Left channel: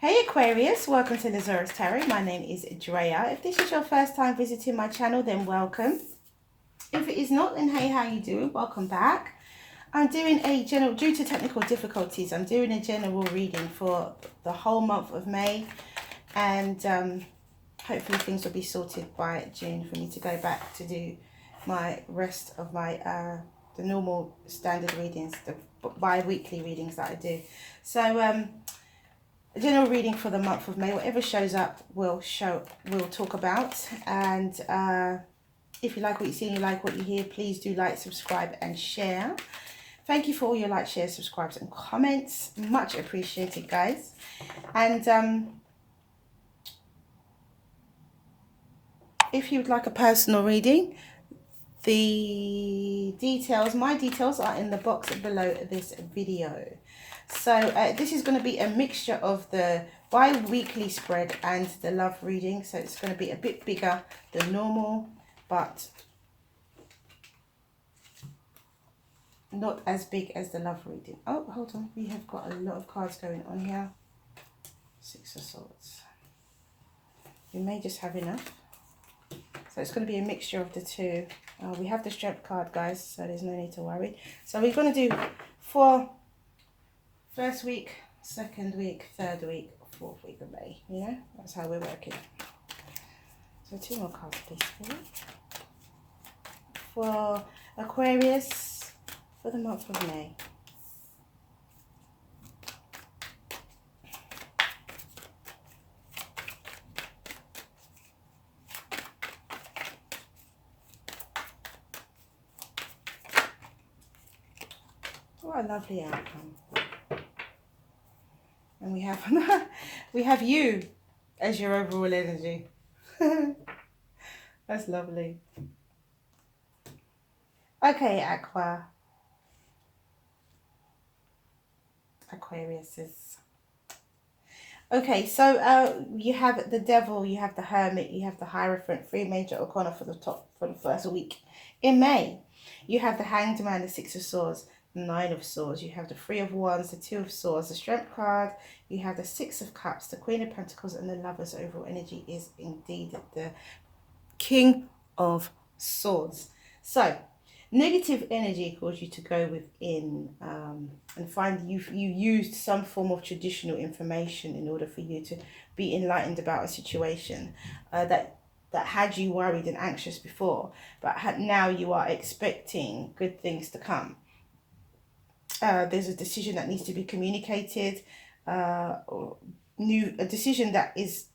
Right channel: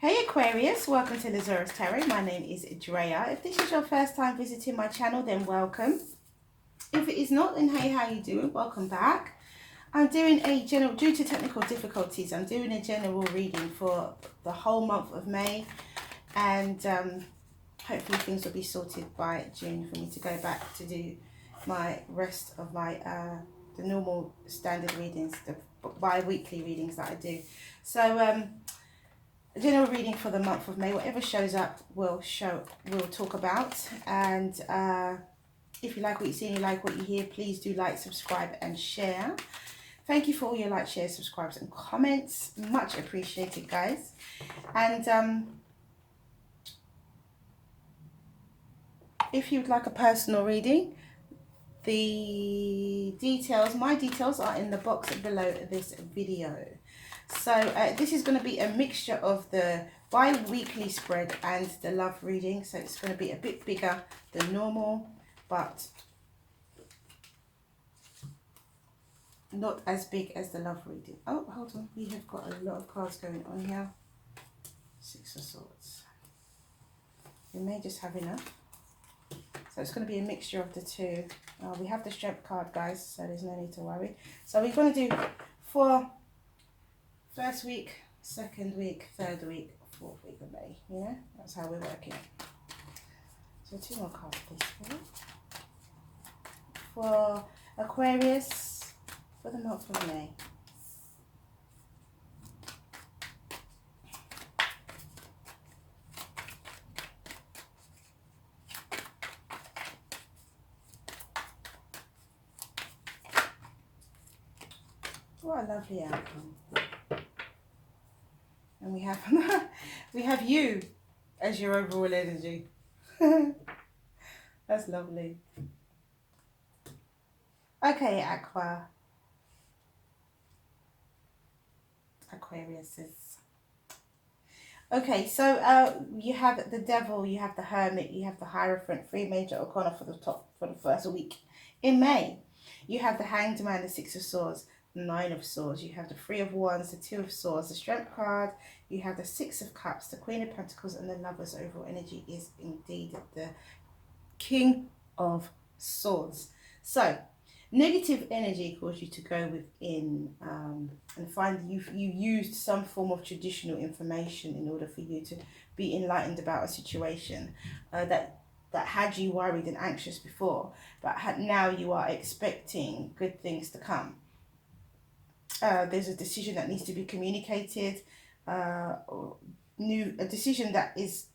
Hey Aquarius, welcome to the Zarious Tarot. My name is Drea. If this is your first time visiting my channel, then welcome. If it is not, then hey, how you doing? Welcome back. I'm doing a general, due to technical difficulties, I'm doing a general reading for the whole month of May, and hopefully things will be sorted by June for me to go back to do my rest of my the normal standard readings, the bi-weekly readings that I do. So a general reading for the month of May. Whatever shows up, we'll talk about. And if you like what you see and you like what you hear, please do like, subscribe, and share. Thank you for all your likes, shares, subscribes, and comments. Much appreciated, guys. And if you would like a personal reading, the details, my details, are in the box below this video. So this is going to be a mixture of the bi-weekly spread and the love reading. So it's going to be a bit bigger than normal, but not as big as the love reading. Oh, hold on. We have got a lot of cards going on here. Six of Swords. We may just have enough. So it's going to be a mixture of the two. We have the Strength card, guys, so there's no need to worry. So we're going to do for first week, second week, third week, fourth week of May. You know, that's how we're working. So two more cards, please. For Aquarius, for the month of May. What a lovely outcome. And we have you as your overall energy. That's lovely. Okay, Aquariuses. Okay, so you have the Devil, you have the Hermit, you have the Hierophant, three major arcana for the first week in May. You have the Hanged Man, the Six of Swords, the Nine of Swords, you have the Three of Wands, the Two of Swords, the Strength card, you have the Six of Cups, the Queen of Pentacles, and the Lover's overall energy is indeed the King of Swords. So negative energy caused you to go within and find you used some form of traditional information in order for you to be enlightened about a situation that had you worried and anxious before, but now you are expecting good things to come. There's a decision that needs to be communicated, a decision that is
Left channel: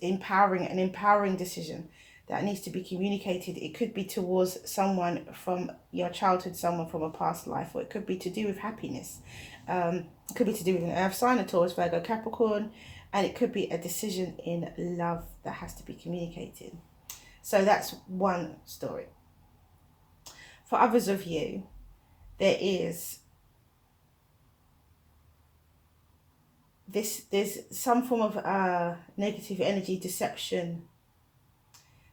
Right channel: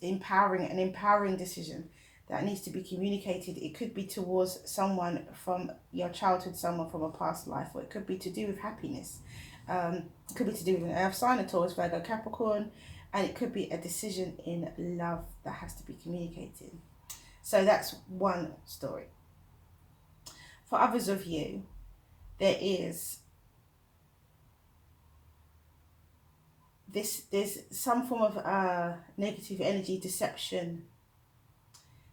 empowering, an empowering decision that needs to be communicated. It could be towards someone from your childhood, someone from a past life, or it could be to do with happiness. It could be to do with an earth sign, a Taurus, Virgo, Capricorn, and it could be a decision in love that has to be communicated. So that's one story. For others of you, there's some form of negative energy deception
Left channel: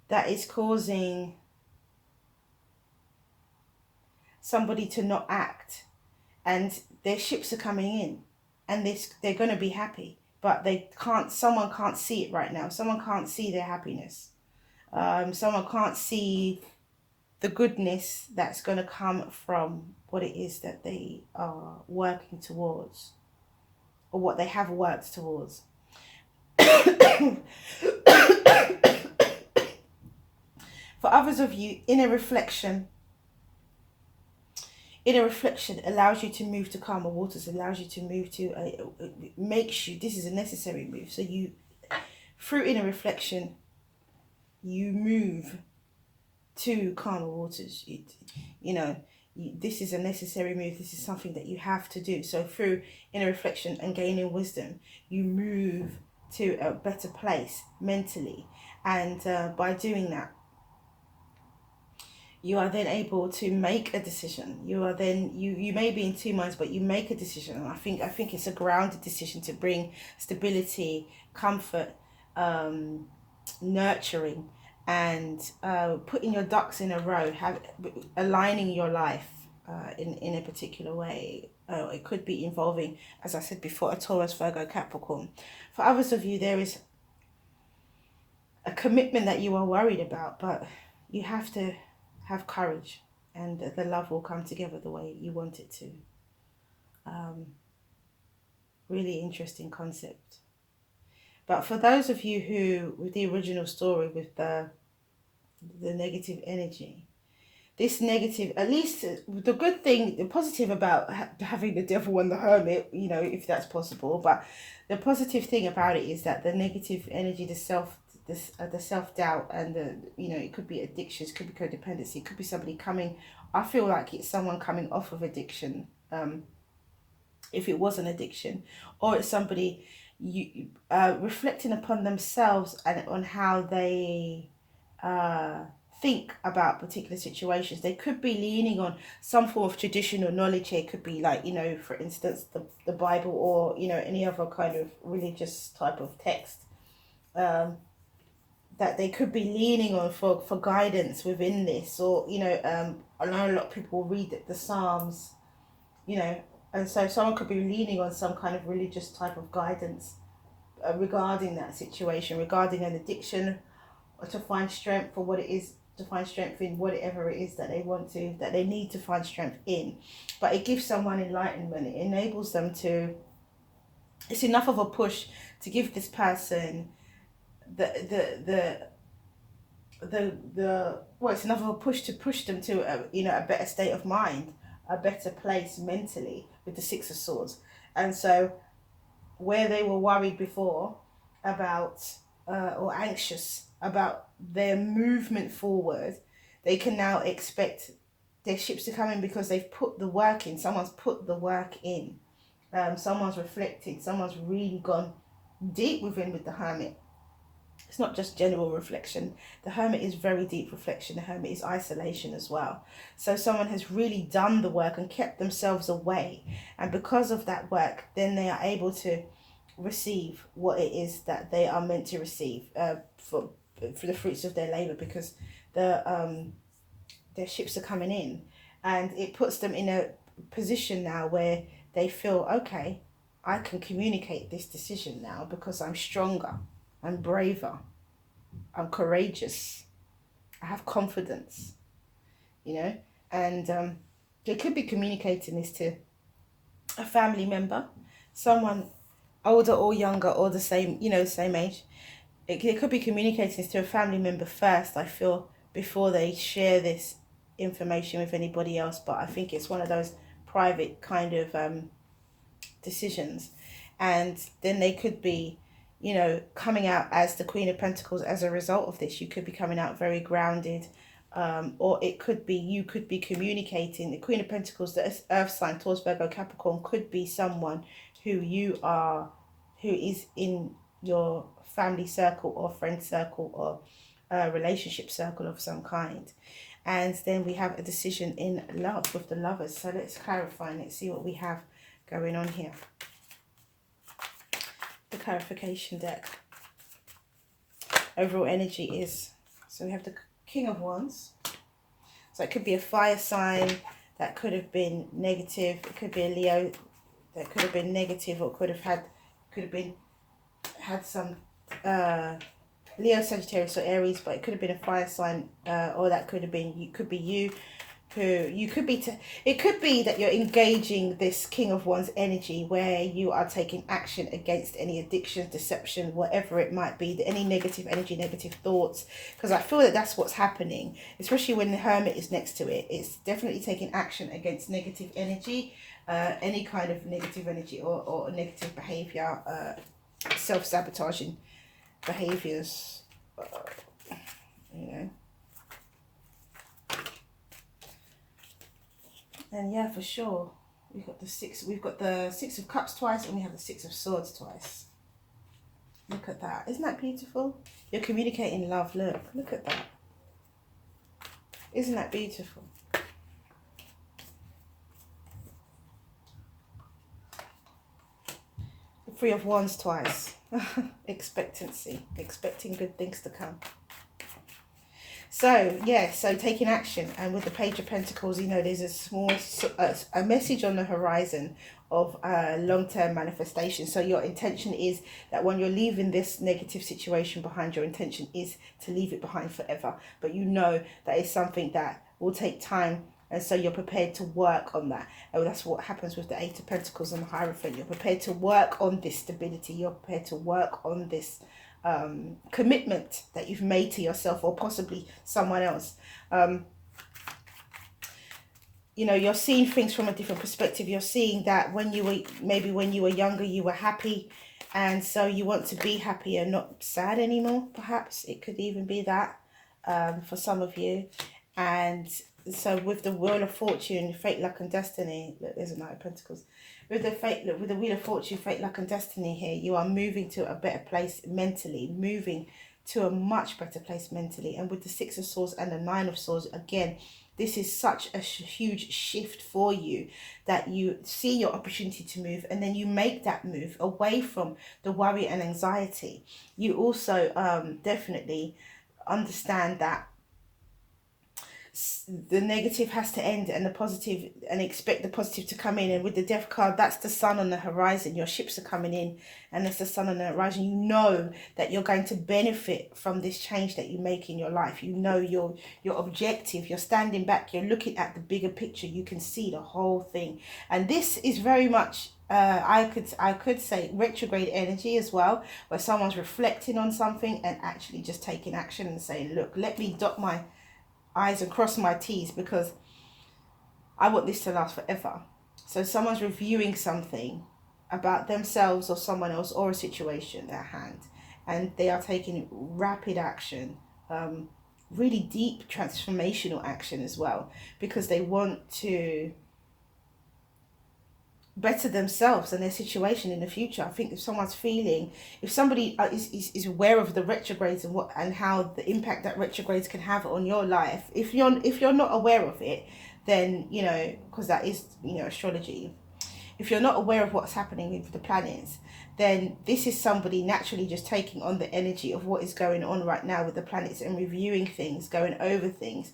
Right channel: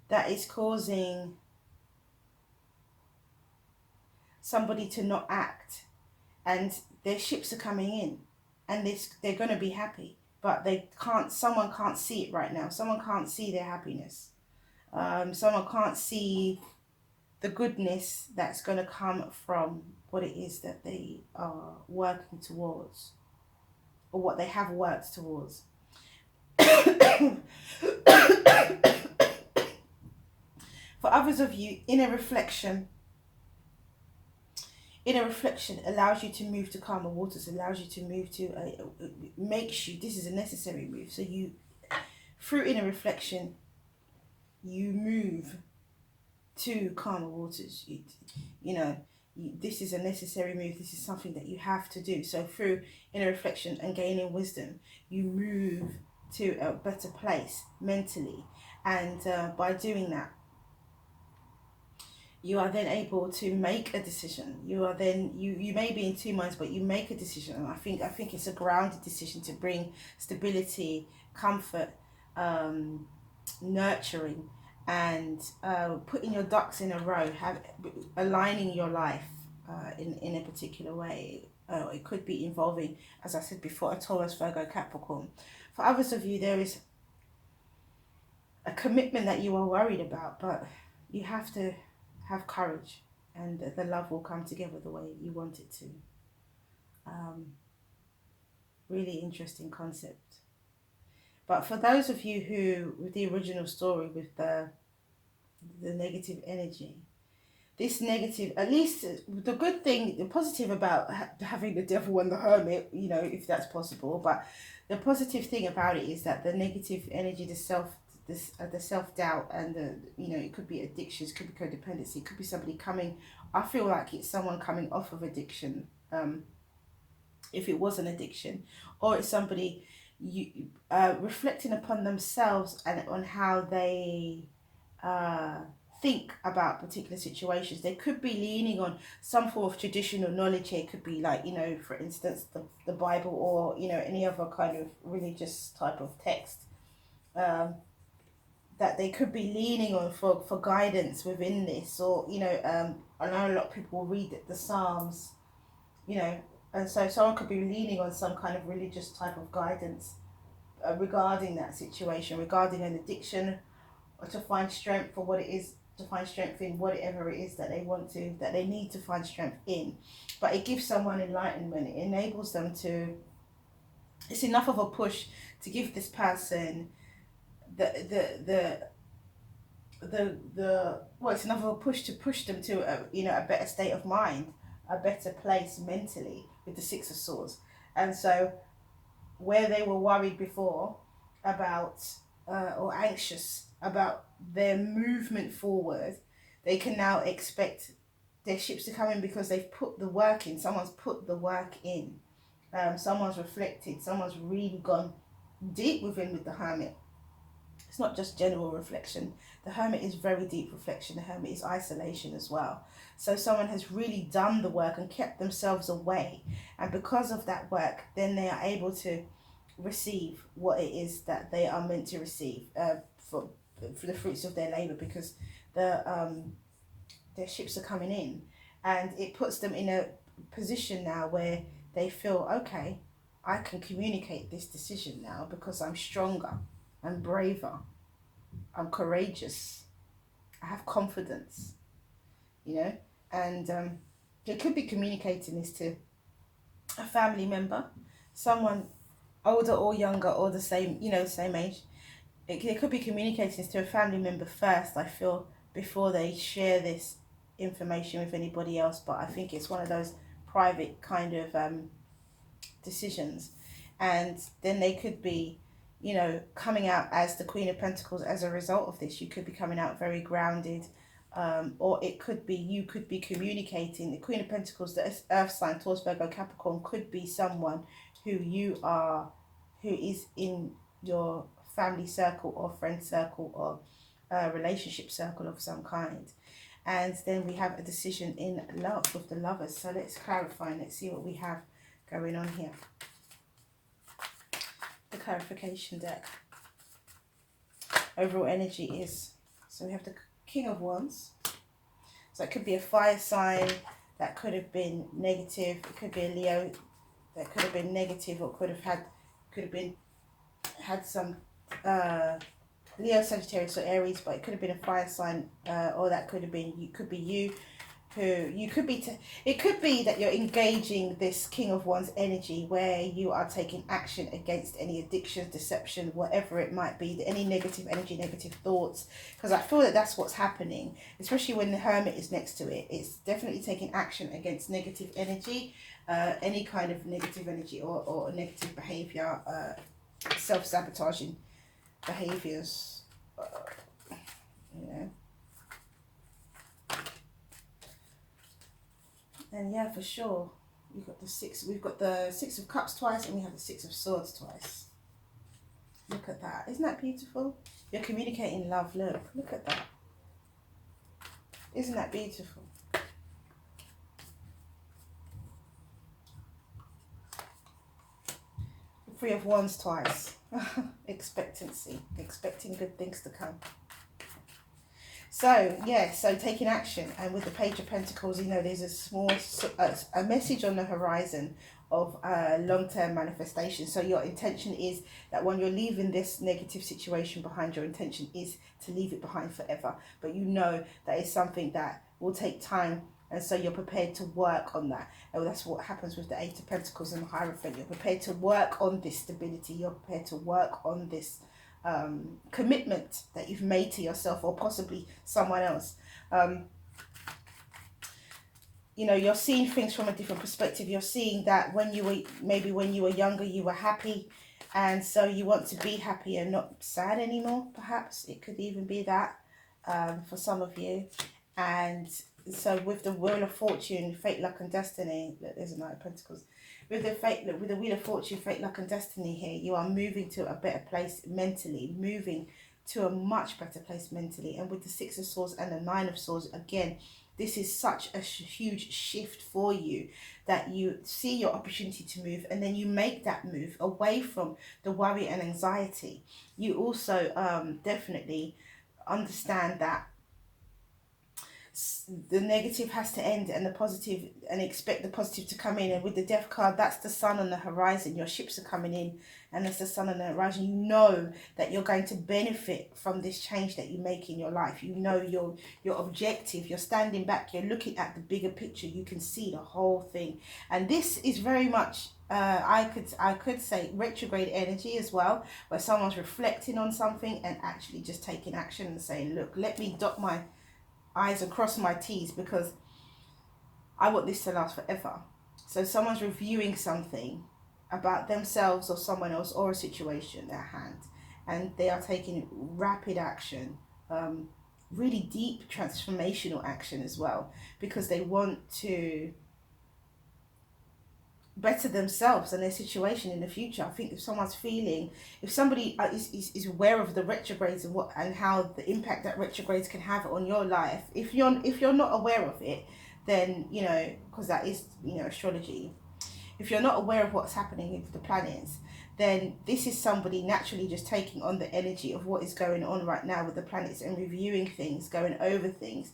that is causing somebody to not act, and their ships are coming in and they're going to be happy, but someone can't see it right now. Someone can't see their happiness. Someone can't see the goodness that's going to come from what it is that they are working towards, or what they have worked towards. For others of you, inner reflection allows you to move to calmer waters, allows you to move to, makes you, this is a necessary move. So you, through inner reflection, you move to calmer waters. This is a necessary move. This is something that you have to do. So through inner reflection and gaining wisdom, you move to a better place mentally. And by doing that, you are then able to make a decision. You are then, you may be in two minds, but you make a decision. And I think it's a grounded decision to bring stability, comfort, nurturing, and putting your ducks in a row, aligning your life in a particular way. It could be involving, as I said before, a Taurus, Virgo, Capricorn. For others of you, there is a commitment that you are worried about, but you have to have courage, and the love will come together the way you want it to. Really interesting concept. But for those of you who, with the original story, with the negative energy, this negative, at least the good thing, the positive about having the devil and the hermit, you know, if that's possible, but the positive thing about it is that the negative energy, the self-doubt, and the, you know, it could be addictions, could be codependency, it could be somebody coming, I feel like it's someone coming off of addiction, if it was an addiction, or it's somebody reflecting upon themselves and on how they think about particular situations. They could be leaning on some form of traditional knowledge here. It could be like, you know, for instance, the Bible, or, you know, any other kind of religious type of text, that they could be leaning on for guidance within this. Or, you know, I know a lot of people read the Psalms, you know, and so someone could be leaning on some kind of religious type of guidance regarding that situation, regarding an addiction, or to find strength for what it is, to find strength in whatever it is that they want to, that they need to find strength in. But it gives someone enlightenment. It enables them to, it's enough of a push to give this person well, it's enough of a push to push them to you know, a better state of mind, a better place mentally, with the Six of Swords. And so where they were worried before about or anxious about their movement forward, they can now expect their ships to come in, because they've put the work in. Someone's put the work in. Someone's reflected. Someone's really gone deep within with the Hermit. It's not just general reflection. The Hermit is very deep reflection. The Hermit is isolation as well. So someone has really done the work and kept themselves away. And because of that work, then they are able to receive what it is that they are meant to receive, for the fruits of their labor, because their ships are coming in, and it puts them in a position now where they feel, okay, I can communicate this decision now because I'm stronger, I'm braver, I'm courageous, I have confidence, you know. And they could be communicating this to a family member, someone older or younger, or the same, you know, same age. It could be communicating this to a family member first, I feel, before they share this information with anybody else. But I think it's one of those private kind of decisions. And then they could be, you know, coming out as the Queen of Pentacles as a result of this. You could be coming out very grounded, or it could be, you could be communicating. The Queen of Pentacles, the earth sign, Taurus, Virgo, Capricorn, could be someone who is in your family circle or friend circle, or a relationship circle of some kind. And then we have a decision in love with the Lovers. So let's clarify and let's see what we have going on here. The clarification deck. Overall energy is, so we have the King of Wands. So it could be a fire sign that could have been negative. It could be a Leo that could have been negative, or could have had some Leo, Sagittarius, or Aries, but it could have been a fire sign, or that could have been, you could be you, who you could be, it could be that you're engaging this King of Wands energy, where you are taking action against any addiction, deception, whatever it might be, any negative energy, negative thoughts, because I feel that that's what's happening, especially when the Hermit is next to it. It's definitely taking action against negative energy, any kind of negative energy, or negative behavior, self-sabotaging behaviors, you know. And yeah, for sure, we've got the Six of Cups twice, and we have the Six of Swords twice. Look at that. Isn't that beautiful? You're communicating love. Look at that. Isn't that beautiful? The Three of Wands twice. Expectancy, expecting good things to come. So, yeah, so taking action. And with the Page of Pentacles, you know, there's a small, a message on the horizon of long-term manifestation. So your intention is that when you're leaving this negative situation behind, your intention is to leave it behind forever. But you know that is something that will take time. And so you're prepared to work on that. And that's what happens with the Eight of Pentacles and the Hierophant. You're prepared to work on this stability. You're prepared to work on this commitment that you've made to yourself, or possibly someone else. You know, you're seeing things from a different perspective. You're seeing that when you were, maybe when you were younger, you were happy, and so you want to be happy and not sad anymore. Perhaps it could even be that for some of you. And so with the Wheel of Fortune, Fate, Luck and Destiny, there's a Knight of Pentacles. With the Wheel of Fortune, Fate, Luck and Destiny here, you are moving to a better place mentally, moving to a much better place mentally. And with the Six of Swords and the Nine of Swords, again, this is such a huge shift for you, that you see your opportunity to move, and then you make that move away from the worry and anxiety. You also definitely understand that the negative has to end and the positive, and expect the positive to come in. And with the Death card, that's the sun on the horizon. Your ships are coming in, and there's the sun on the horizon. You know that you're going to benefit from this change that you make in your life. You know your objective. You're standing back, you're looking at the bigger picture. You can see the whole thing. And this is very much I could say retrograde energy as well, where someone's reflecting on something and actually just taking action and saying, look, let me dot my I's and cross my T's, because I want this to last forever. So someone's reviewing something about themselves or someone else or a situation at hand, and they are taking rapid action, really deep transformational action as well, because they want to better themselves and their situation in the future. I think if someone's feeling, if somebody is aware of the retrogrades and what and how the impact that retrogrades can have on your life, if you're not aware of it, then, you know, because that is, you know, astrology, if you're not aware of what's happening with the planets, then this is somebody naturally just taking on the energy of what is going on right now with the planets and reviewing things, going over things.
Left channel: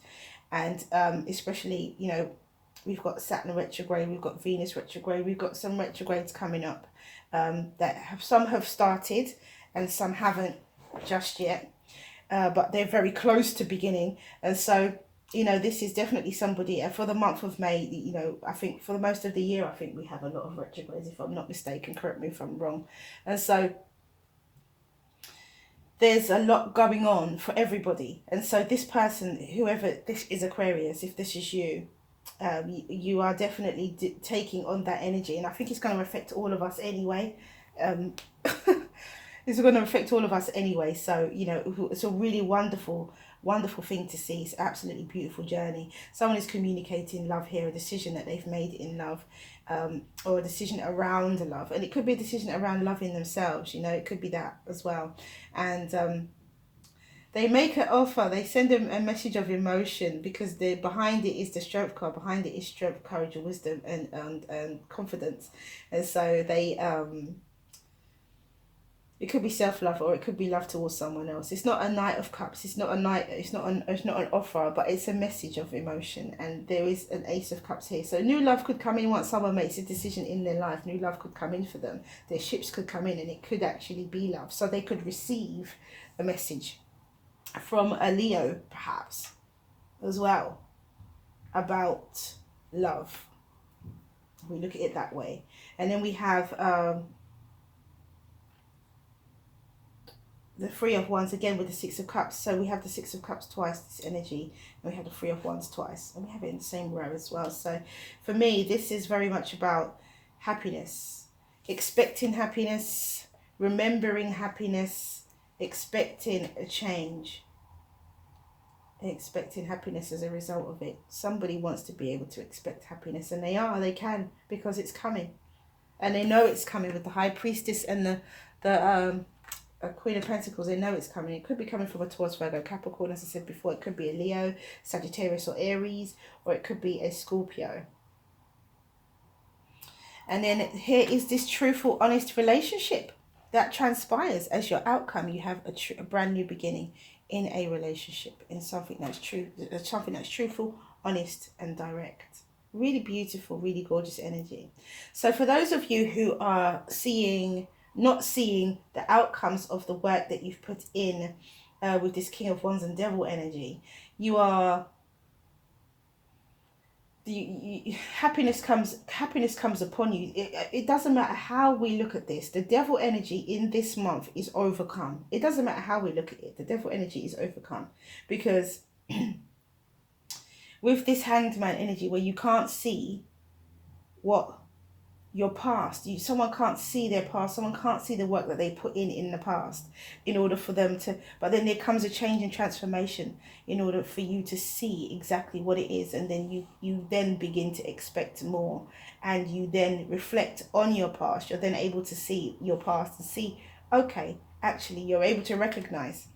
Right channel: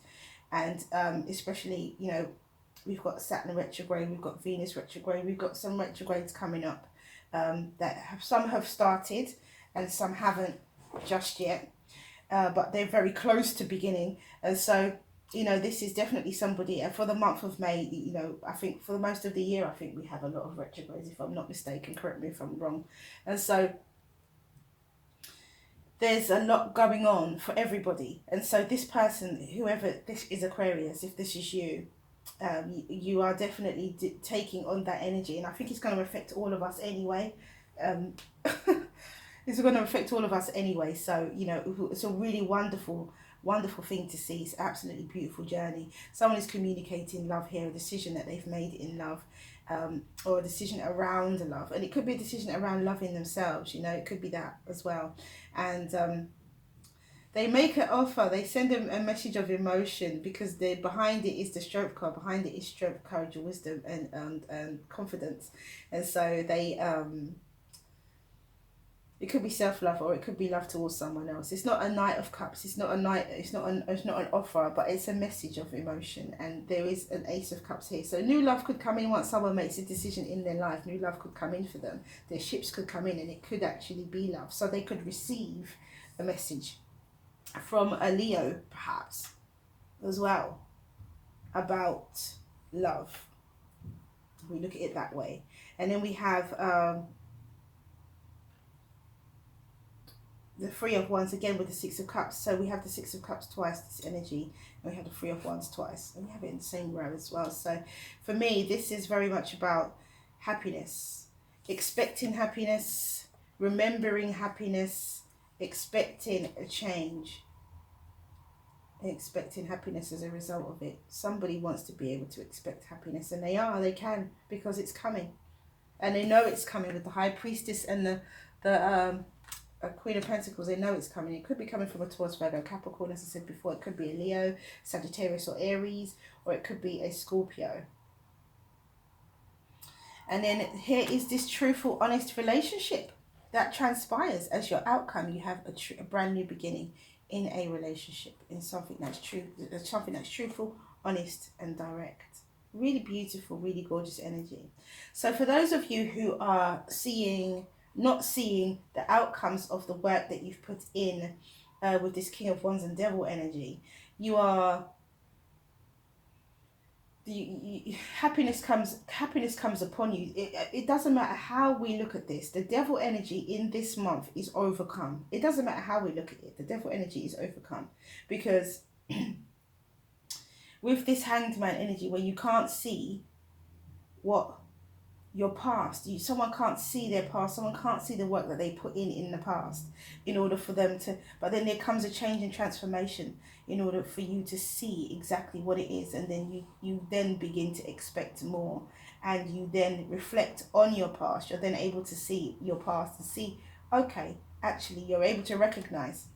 And especially, you know, we've got Saturn retrograde, we've got Venus retrograde, we've got some retrogrades coming up that some have started and some haven't just yet, but they're very close to beginning. And so, you know, this is definitely somebody, for the month of May, you know, I think for the most of the year, I think we have a lot of retrogrades, if I'm not mistaken, correct me if I'm wrong. And so there's a lot going on for everybody. And so this person, whoever this is, Aquarius, if this is you, you are definitely taking on that energy, and I think it's going to affect all of us anyway. It's going to affect all of us anyway. So, you know, it's a really wonderful thing to see. It's an absolutely beautiful journey. Someone is communicating love here, a decision that they've made in love, or a decision around love, and it could be a decision around loving themselves. You know, it could be that as well. And they make an offer, they send them a message of emotion, because behind it is the Strength card. Behind it is strength, courage, and wisdom, and confidence. And so they it could be self-love, or it could be love towards someone else. It's not a Knight of Cups, it's not an offer, but it's a message of emotion. And there is an Ace of Cups here. So new love could come in once someone makes a decision in their life. New love could come in for them. Their ships could come in, and it could actually be love. So they could receive a message from a Leo perhaps as well about love. We look at it that way. And then we have the Three of Wands again with the Six of Cups. So we have the Six of Cups twice, this energy, and we have the Three of Wands twice, and we have it in the same row as well. So for me, this is very much about happiness, expecting happiness, remembering happiness, expecting a change, expecting happiness as a result of it. Somebody wants to be able to expect happiness, and they can, because it's coming, and they know it's coming. With the High Priestess and the Queen of Pentacles, they know it's coming. It could be coming from a Taurus, Virgo, Capricorn, as I said before. It could be a Leo, Sagittarius or Aries, or it could be a Scorpio. And then here is this truthful, honest relationship that transpires as your outcome. You have a brand new beginning in a relationship, in something that's true, something that's truthful, honest, and direct. Really beautiful, really gorgeous energy. So for those of you who are not seeing the outcomes of the work that you've put in with this King of Wands and Devil energy, you are happiness comes upon you. It doesn't matter how we look at this. The devil energy in this month is overcome. It doesn't matter how we look at it. The devil energy is overcome, because with this Hanged Man energy, where you can't see what your past, someone can't see their past, someone can't see the work that they put in the past in order for them to, but then there comes a change and transformation in order for you to see exactly what it is, and then you then begin to expect more, and you then reflect on your past. You're then able to see your past and see, okay, actually you're able to recognize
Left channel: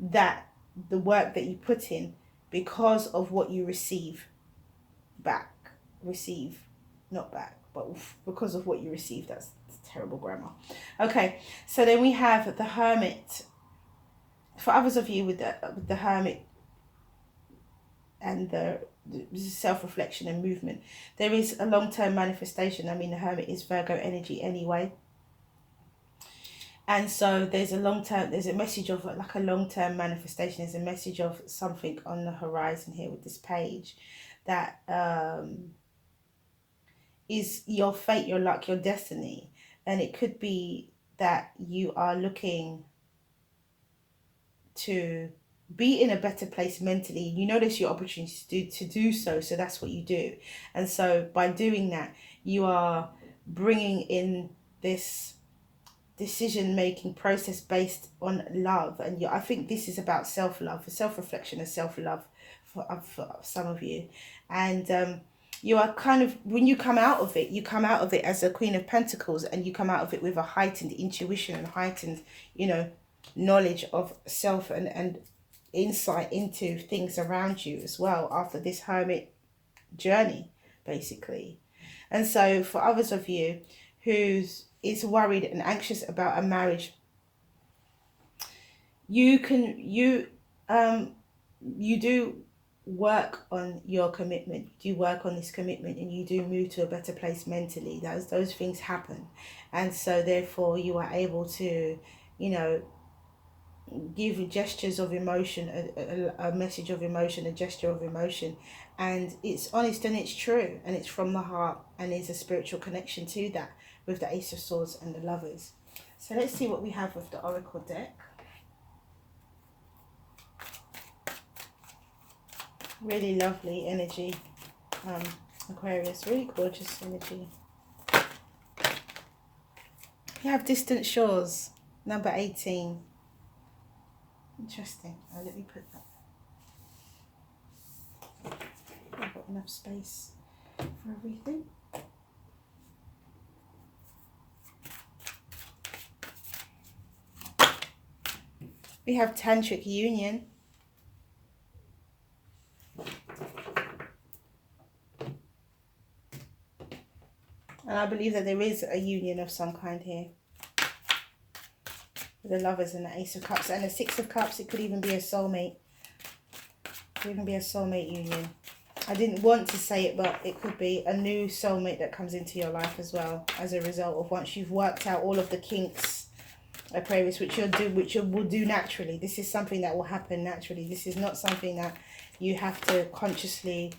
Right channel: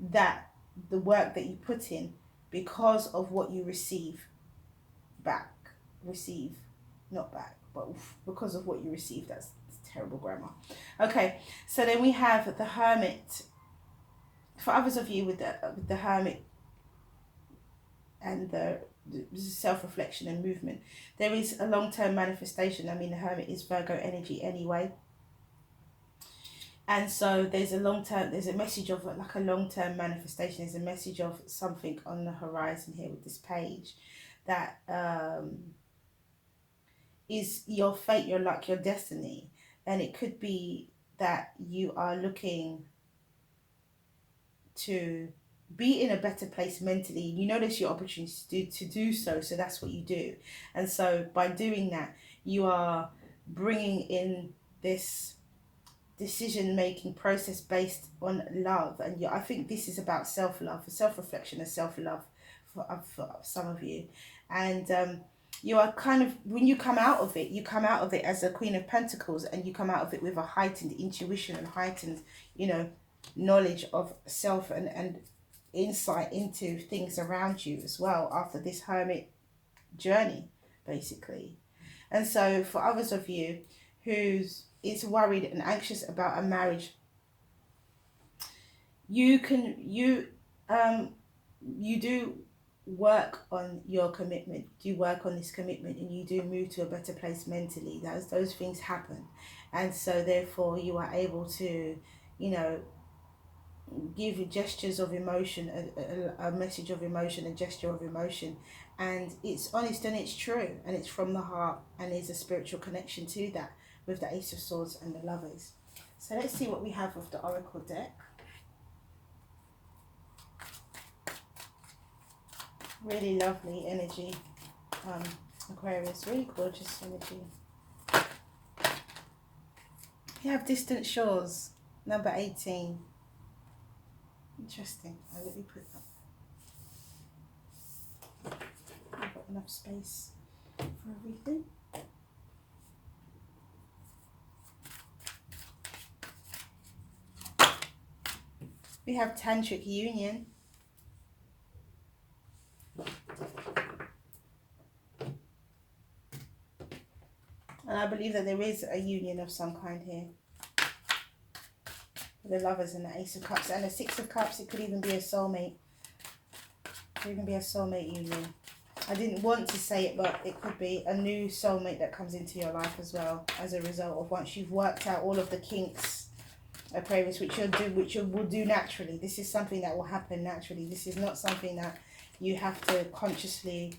that the work that you put in, because of what you receive, not back, but because of what you receive. That's terrible grammar. Okay, so then we have the Hermit. For others of you with the Hermit and the self-reflection and movement, there is a long-term manifestation. I mean, the Hermit is Virgo energy anyway, and so there's a message of like a long-term manifestation. There's a message of something on the horizon here with this page that is your fate, your luck, your destiny. And it could be that you are looking to be in a better place mentally. You notice your opportunity to do so, so that's what you do. And so by doing that, you are bringing in this decision-making process based on love. And I think this is about self-love, self-reflection and self-love for some of you. And you are kind of, when you come out of it, you come out of it as a Queen of Pentacles, and you come out of it with a heightened intuition and heightened, knowledge of self and insight into things around you as well, after this Hermit journey, basically. And so for others of you who's is worried and anxious about a marriage, you do work on your commitment, you work on this commitment, and you do move to a better place mentally. Those things happen, and so therefore you are able to give gestures of emotion, a message of emotion, a gesture of emotion, and it's honest and it's true and it's from the heart, and there's a spiritual connection to that with the Ace of Swords and the Lovers. So let's see what we have with the Oracle deck. Really lovely energy, Aquarius, really gorgeous energy. You have Distant Shores, number 18. Interesting. Let me put that. I've got enough space for everything. We have Tantric Union. And I believe that there is a union of some kind here. The Lovers and the Ace of Cups and the Six of Cups. It could even be a soulmate. It could even be a soulmate union. I didn't want to say it, but it could be a new soulmate that comes into your life as well, as a result of once you've worked out all of the kinks, Aquarius, which you will do naturally. This is something that will happen naturally. This is not something that you have to consciously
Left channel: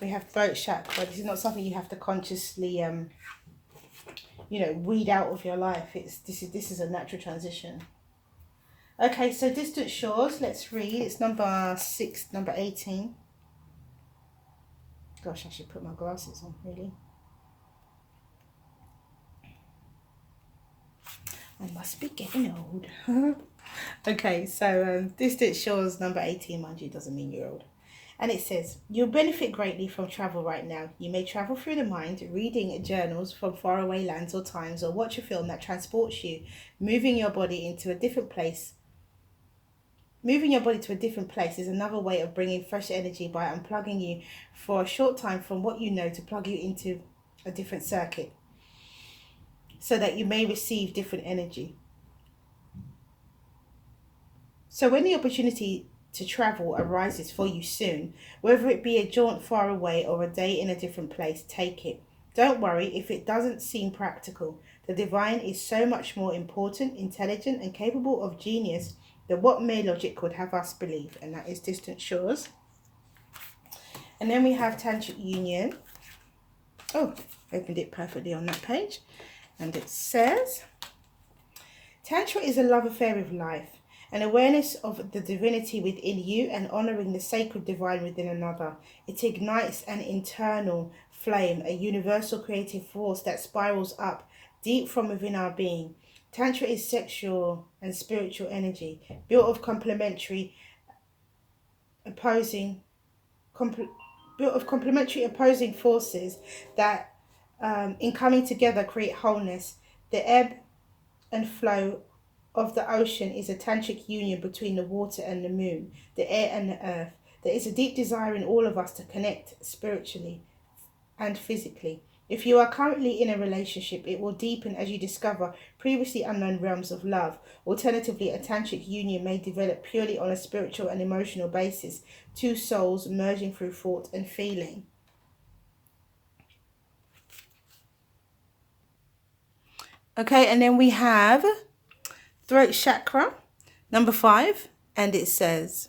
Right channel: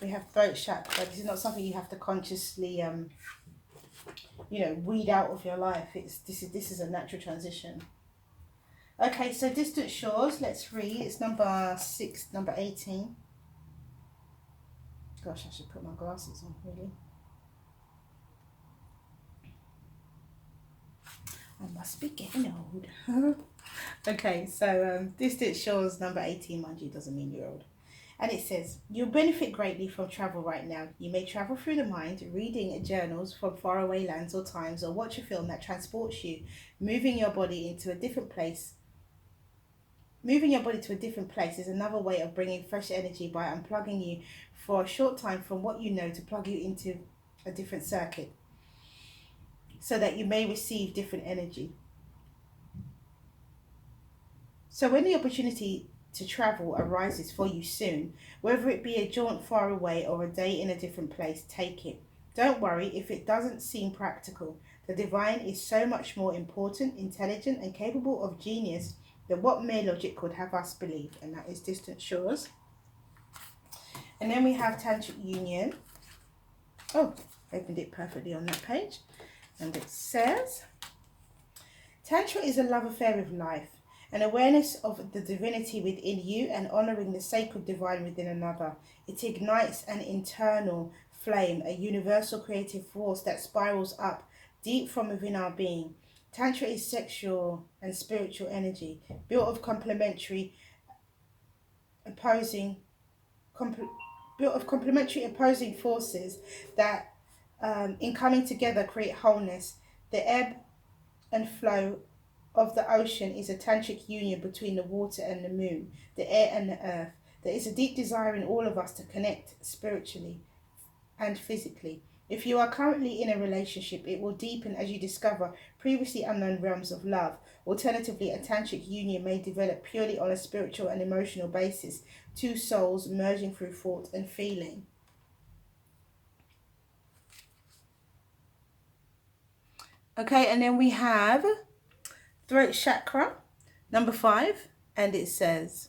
we have throat chakra. This is not something you have to consciously weed out of your life. This is a natural transition. Okay, so Distant Shores, let's read. It's number 6, number 18. Gosh, I should put my glasses on, really. I must be getting old. Okay, so Distant Shores, number 18, mind you, doesn't mean you're old. And it says, you'll benefit greatly from travel right now. You may travel through the mind, reading journals from faraway lands or times, or watch a film that transports you, moving your body into a different place. Moving your body to a different place is another way of bringing fresh energy by unplugging you for a short time from what you know to plug you into a different circuit, so that you may receive different energy. So when the opportunity to travel arises for you soon, whether it be a jaunt far away or a day in a different place, take it. Don't worry if it doesn't seem practical. The divine is so much more important, intelligent, and capable of genius than what mere logic would have us believe, and that is distant shores. And then we have Tantric Union. Oh, opened it perfectly on that page. And it says, Tantra is a love affair with life, an awareness of the divinity within you and honouring the sacred divine within another. It ignites an internal flame, a universal creative force that spirals up deep from within our being. Tantra is sexual and spiritual energy, built of complementary opposing forces that in coming together create wholeness. The ebb and flow of the ocean is a tantric union between the water and the moon, the air and the earth. There is a deep desire in all of us to connect spiritually and physically. If you are currently in a relationship, it will deepen as you discover previously unknown realms of love. Alternatively, a tantric union may develop purely on a spiritual and emotional basis, two souls merging through thought and feeling. Okay, and then we have throat chakra, number 5, and it says,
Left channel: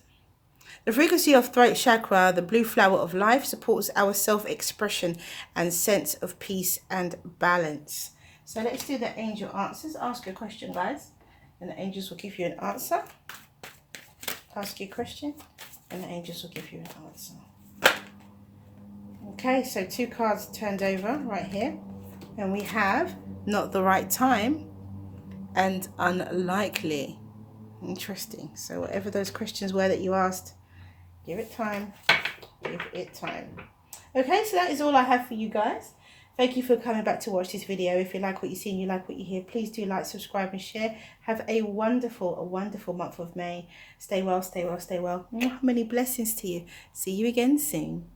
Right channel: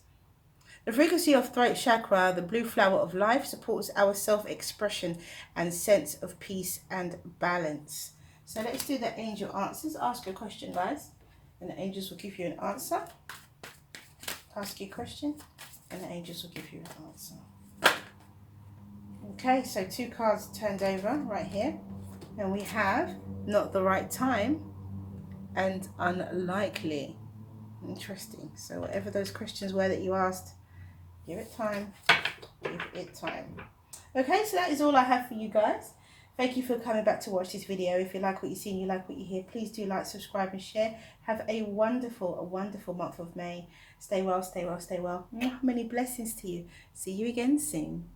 the frequency of throat chakra, the blue flower of life, supports our self-expression and sense of peace and balance. So let's do the angel answers. Ask your question, guys, and the angels will give you an answer. Ask your question, and the angels will give you an answer. Okay, so 2 cards turned over right here, and we have not the right time and unlikely. Interesting. So whatever those questions were that you asked, give it time. Give it time. Okay, so that is all I have for you guys. Thank you for coming back to watch this video. If you like what you see and you like what you hear, please do like, subscribe and share. Have a wonderful month of May. Stay well, stay well, stay well. Many blessings to you. See you again soon.